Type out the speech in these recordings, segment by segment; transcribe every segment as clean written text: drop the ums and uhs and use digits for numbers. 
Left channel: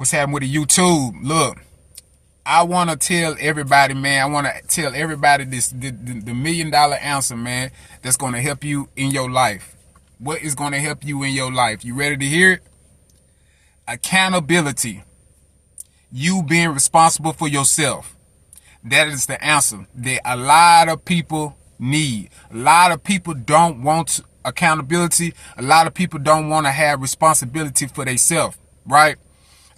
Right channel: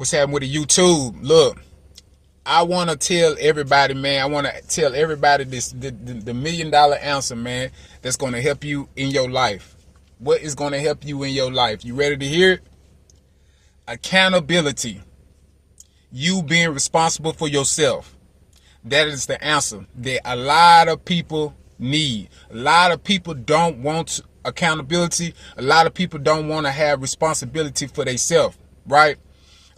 What's happening with the YouTube? Look, I want to tell everybody, man. I want to tell everybody the $1 million answer, man. That's going to help you in your life. What is going to help you in your life? You ready to hear it? Accountability. You being responsible for yourself. That is the answer that a lot of people need. A lot of people don't want accountability. A lot of people don't want to have responsibility for themselves, right?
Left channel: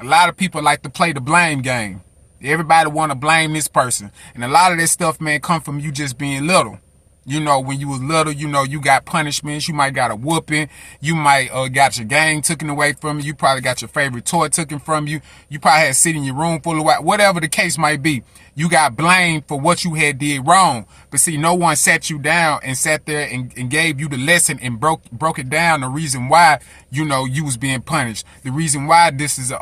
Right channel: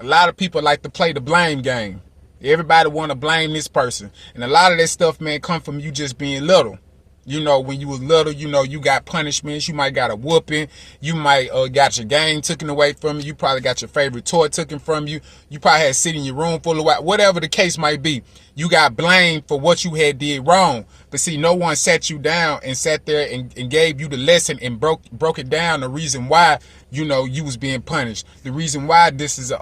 A lot of people like to play the blame game. Everybody want to blame this person. And a lot of that stuff, man, come from you just being little. You know, when you was little, you know, you got punishments. You might got a whooping. You might got your game taken away from you. You probably got your favorite toy taken from you. You probably had to sit in your room full of whatever the case might be. You got blamed for what you had did wrong. But see, no one sat you down and sat there and gave you the lesson and broke it down. The reason why, you know, you was being punished. The reason why this is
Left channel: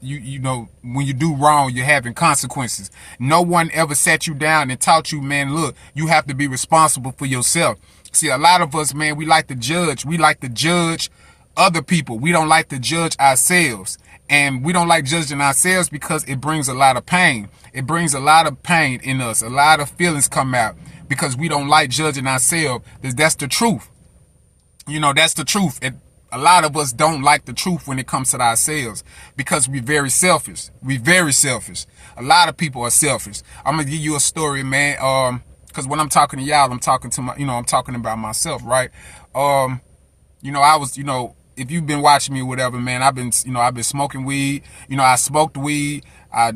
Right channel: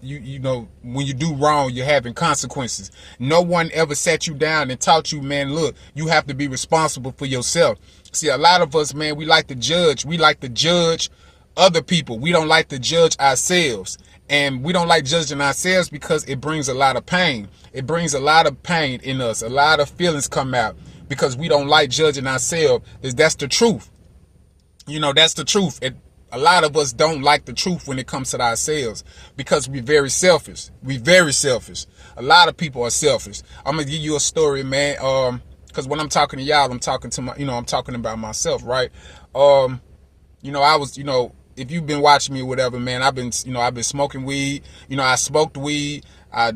you know, when you do wrong, you're having consequences. No one ever sat you down and taught you, man, look, you have to be responsible for yourself. See, a lot of us, man, we like to judge. We like to judge other people. We don't like to judge ourselves. And we don't like judging ourselves because it brings a lot of pain. It brings a lot of pain in us. A lot of feelings come out because we don't like judging ourselves. That's the truth. You know, that's the truth. A lot of us don't like the truth when it comes to ourselves because we're very selfish. We're very selfish. A lot of people are selfish. I'm going to give you a story, man. Because when I'm talking to y'all, I'm talking to I'm talking about myself, right? You know, I was, if you've been watching me or whatever, man, I've been smoking weed. You know, I smoked weed. I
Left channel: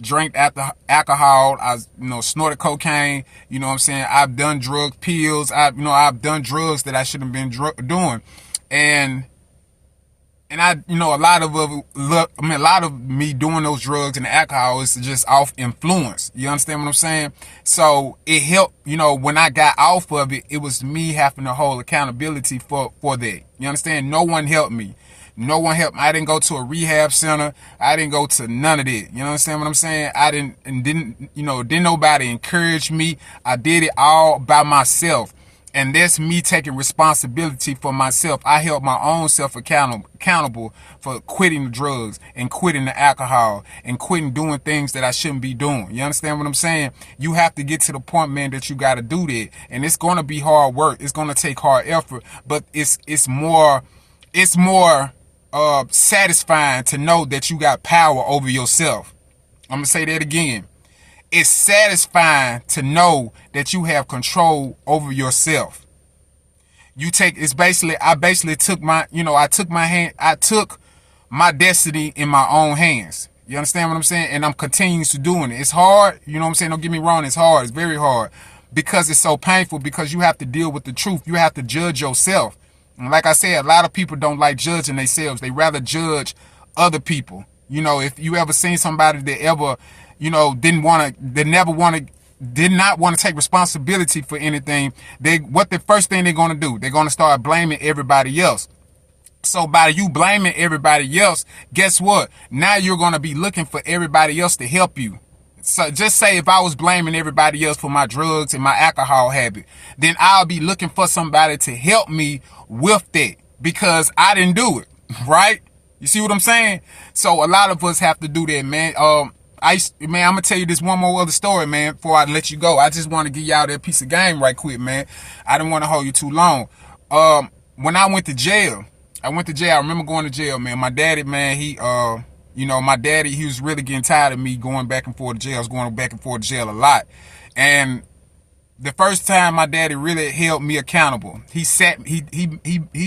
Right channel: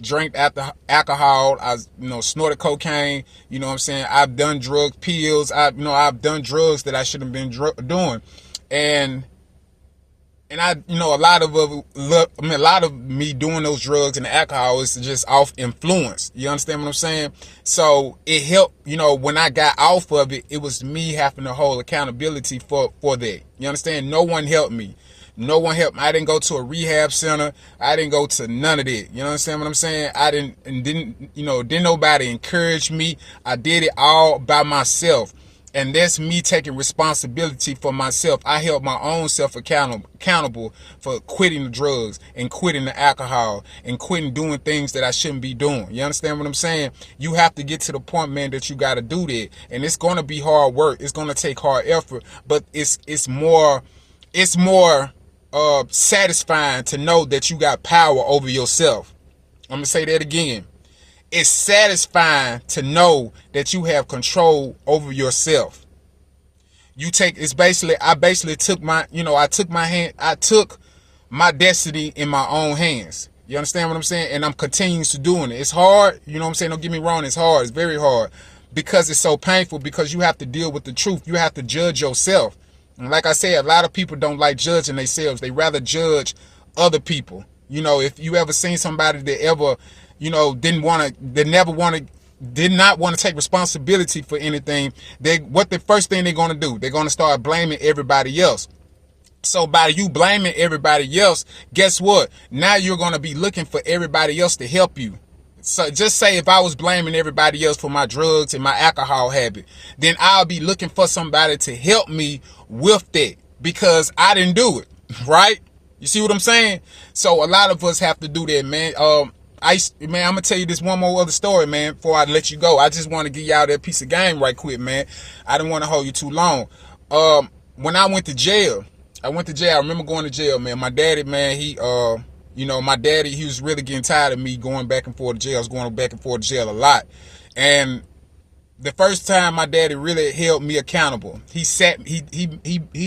drank alcohol. I, snorted cocaine. You know what I'm saying? I've done drugs, pills. I've done drugs that I shouldn't have been doing. And I, a lot of me doing those drugs and the alcohol is just off influence. You understand what I'm saying? So it helped, when I got off of it, it was me having to hold accountability for that. You understand? No one helped me. No one helped me. I didn't go to a rehab center. I didn't go to none of that. You understand what I'm saying? Didn't nobody encourage me. I did it all by myself. And that's me taking responsibility for myself. I held my own self accountable for quitting the drugs and quitting the alcohol and quitting doing things that I shouldn't be doing. You understand what I'm saying? You have to get to the point, man, that you got to do that. And it's going to be hard work. It's going to take hard effort, but it's more satisfying to know that you got power over yourself. I'm going to say that again. It's satisfying to know that you have control over yourself. I basically took I took my destiny in my own hands. You understand what I'm saying? And I'm continuing to doing it. It's hard. You know what I'm saying? Don't get me wrong. It's hard. It's very hard because it's so painful because you have to deal with the truth. You have to judge yourself. And like I said, a lot of people don't like judging themselves. They rather judge other people. If you ever seen somebody that ever did not want to take responsibility for anything, the first thing they're going to do, they're going to start blaming everybody else. So by you blaming everybody else, guess what? Now you're going to be looking for everybody else to help you. So just say if I was blaming everybody else for my drugs and my alcohol habit, then I'll be looking for somebody to help me with that because I didn't do it, right? You see what I'm saying? So a lot of us have to do that, man. I'm gonna tell you this one more other story, man, before I let you go. I just want to give y'all that piece of game right quick, man. I didn't want to hold you too long. When I went to jail, I remember going to jail, man. My daddy, man, he was really getting tired of me going back and forth to jail. I was going back and forth to jail a lot. And the first time my daddy really held me accountable, he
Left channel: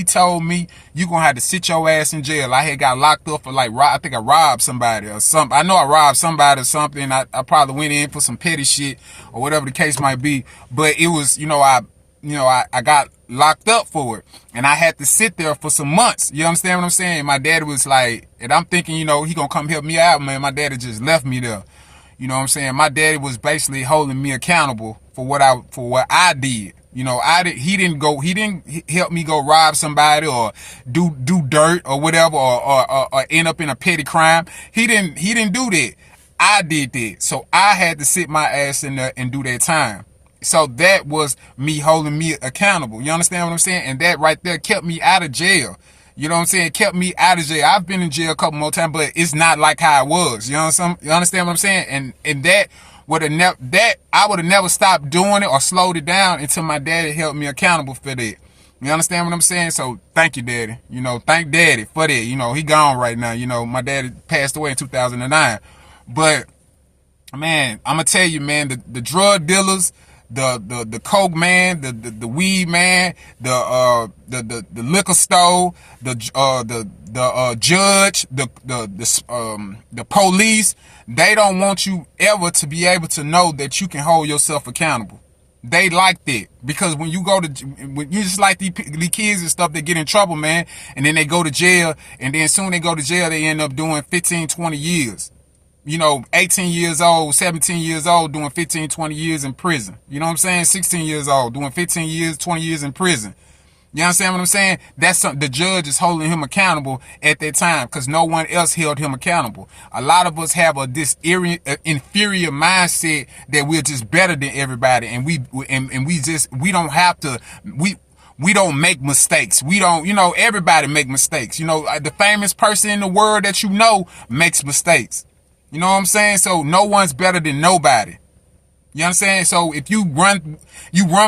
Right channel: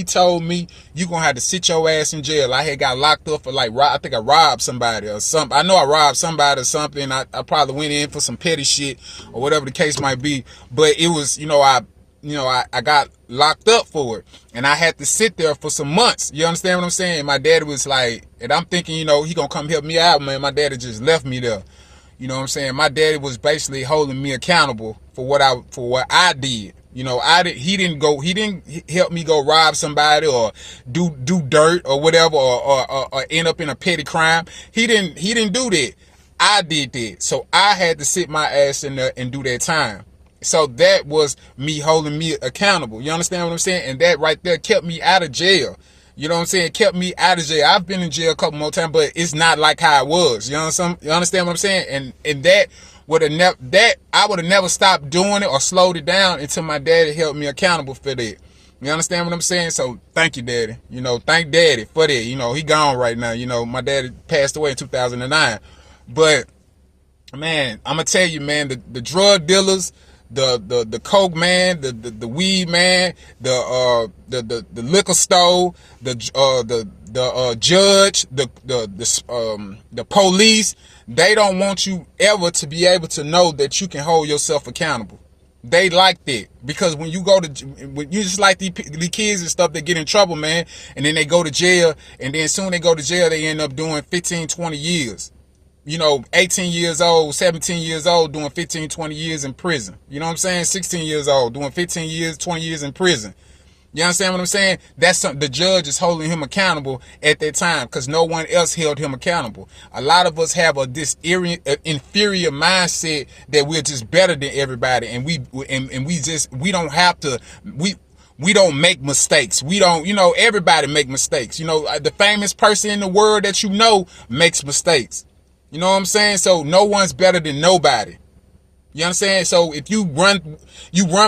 told me, you gonna have to sit your ass in jail. I had got locked up for I think I robbed somebody or something. I know I robbed somebody or something. I probably went in for some petty shit or whatever the case might be. But it was, I got locked up for it and I had to sit there for some months. You understand what I'm saying? My daddy was like, and I'm thinking, he gonna come help me out, man. My daddy just left me there. You know what I'm saying? My daddy was basically holding me accountable for what I did. He didn't help me go rob somebody or do dirt or whatever or end up in a petty crime. He didn't do that. I did that. So I had to sit my ass in there and do that time. So that was me holding me accountable. You understand what I'm saying? And that right there kept me out of jail. You know what I'm saying? Kept me out of jail. I've been in jail a couple more times, but it's not like how it was. You know what you understand what I'm saying? And that would have never, that I would have never stopped doing it or slowed it down until my daddy held me accountable for that. You understand what I'm saying? So thank you, Daddy. You know, thank Daddy for that. You know, he gone right now. You know, my daddy passed away in 2009. But man, I'm gonna tell you, man, the drug dealers, the coke man, the weed man, the liquor store, the judge, the police, they don't want you ever to be able to know that you can hold yourself accountable. They like that because when you go to, when you just like these kids and stuff that get in trouble, man, and then they go to jail, and then soon they go to jail, they end up doing 15, 20 years. You know, 18 years old, 17 years old, doing 15, 20 years in prison. You know what I'm saying? 16 years old, doing 15 years, 20 years in prison. You understand what I'm saying? That's something the judge is holding him accountable at that time because no one else held him accountable. A lot of us have this inferior mindset that we're just better than everybody, and we don't have to, we don't make mistakes. We don't, you know, everybody make mistakes. You know, the famous person in the world that you know makes mistakes. You know what I'm saying? So no one's better than nobody. You understand? So if you run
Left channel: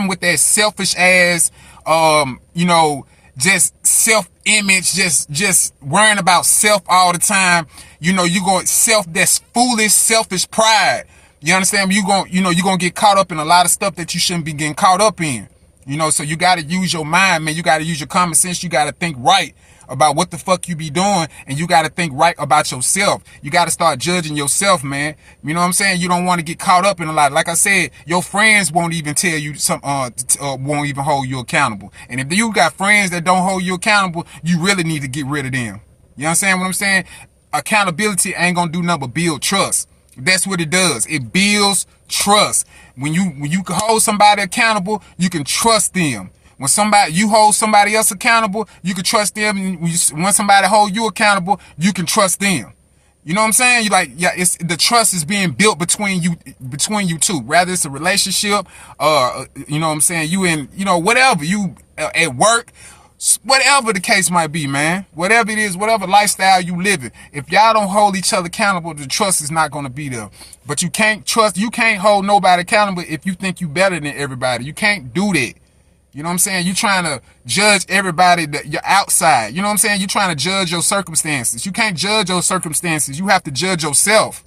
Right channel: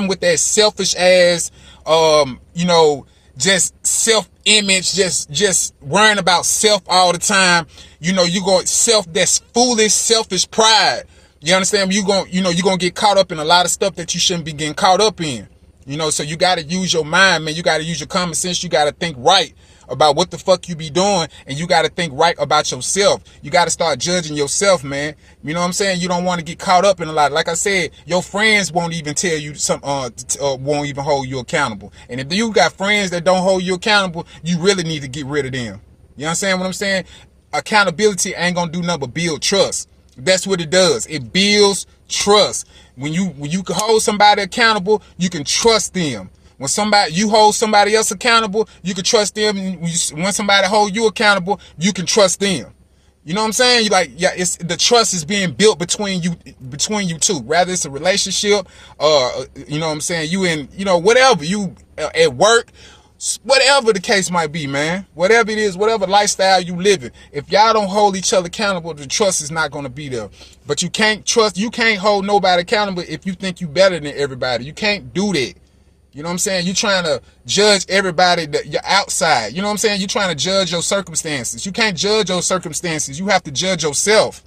with that selfish ass, you know, just self-image, just worrying about self all the time. You know, you going that's foolish, selfish pride. You understand? You're going to get caught up in a lot of stuff that you shouldn't be getting caught up in. You know, so you got to use your mind, man. You got to use your common sense. You got to think right about what the fuck you be doing, and you got to think right about yourself. You got to start judging yourself, man. You know what I'm saying? You don't want to get caught up in a lot. Like I said, your friends won't even tell you won't even hold you accountable. And if you got friends that don't hold you accountable, you really need to get rid of them. You understand what I'm saying? Accountability ain't gonna do nothing but build trust. That's what it does. It builds trust. When you can hold somebody accountable, you can trust them. When you hold somebody else accountable, you can trust them. When somebody hold you accountable, you can trust them. You know what I'm saying? You like, yeah, it's the trust is being built between you two. Rather it's a relationship, you know what I'm saying? You in, you know, whatever, you at work, whatever the case might be, man. Whatever it is, whatever lifestyle you live in. If y'all don't hold each other accountable, the trust is not going to be there. But you can't hold nobody accountable if you think you better than everybody. You can't do that. You know what I'm saying? You're trying to judge everybody that you're outside. You know what I'm saying? You're trying to judge your circumstances. You can't judge your circumstances. You have to judge yourself.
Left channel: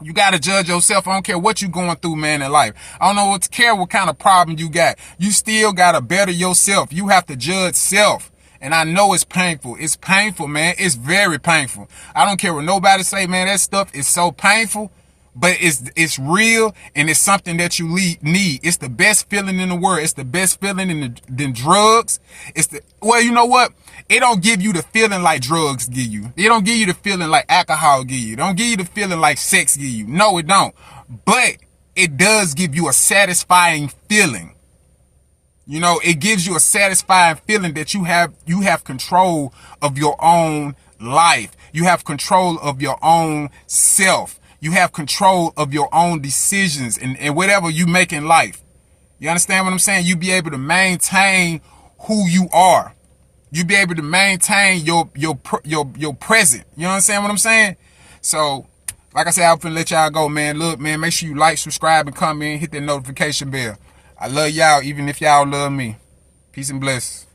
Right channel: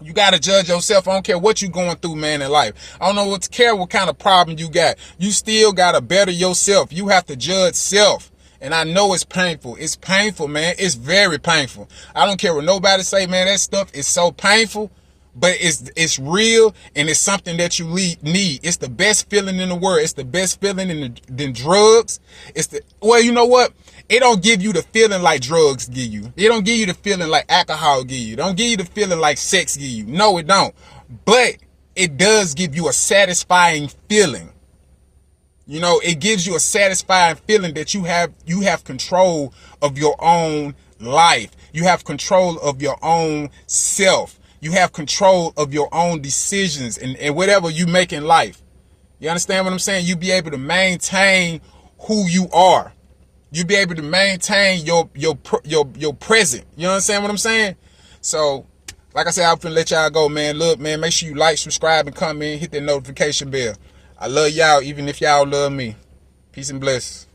You got to judge yourself. I don't care what you're going through, man, in life. I don't know what kind of problem you got. You still got to better yourself. You have to judge self. And I know it's painful. It's painful, man. It's very painful. I don't care what nobody say, man. That stuff is so painful. But it's real, and it's something that you need. It's the best feeling in the world. It's the best feeling than drugs. Well, you know what? It don't give you the feeling like drugs give you. It don't give you the feeling like alcohol give you. It don't give you the feeling like sex give you. No, it don't. But it does give you a satisfying feeling. You know, it gives you a satisfying feeling that you have control of your own life. You have control of your own self. You have control of your own decisions and whatever you make in life. You understand what I'm saying? You be able to maintain who you are. You be able to maintain your present. You understand what I'm saying? So, like I said, I'm finna let y'all go, man. Look, man, make sure you like, subscribe, and comment, hit that notification bell. I love y'all, even if y'all love me. Peace and blessings.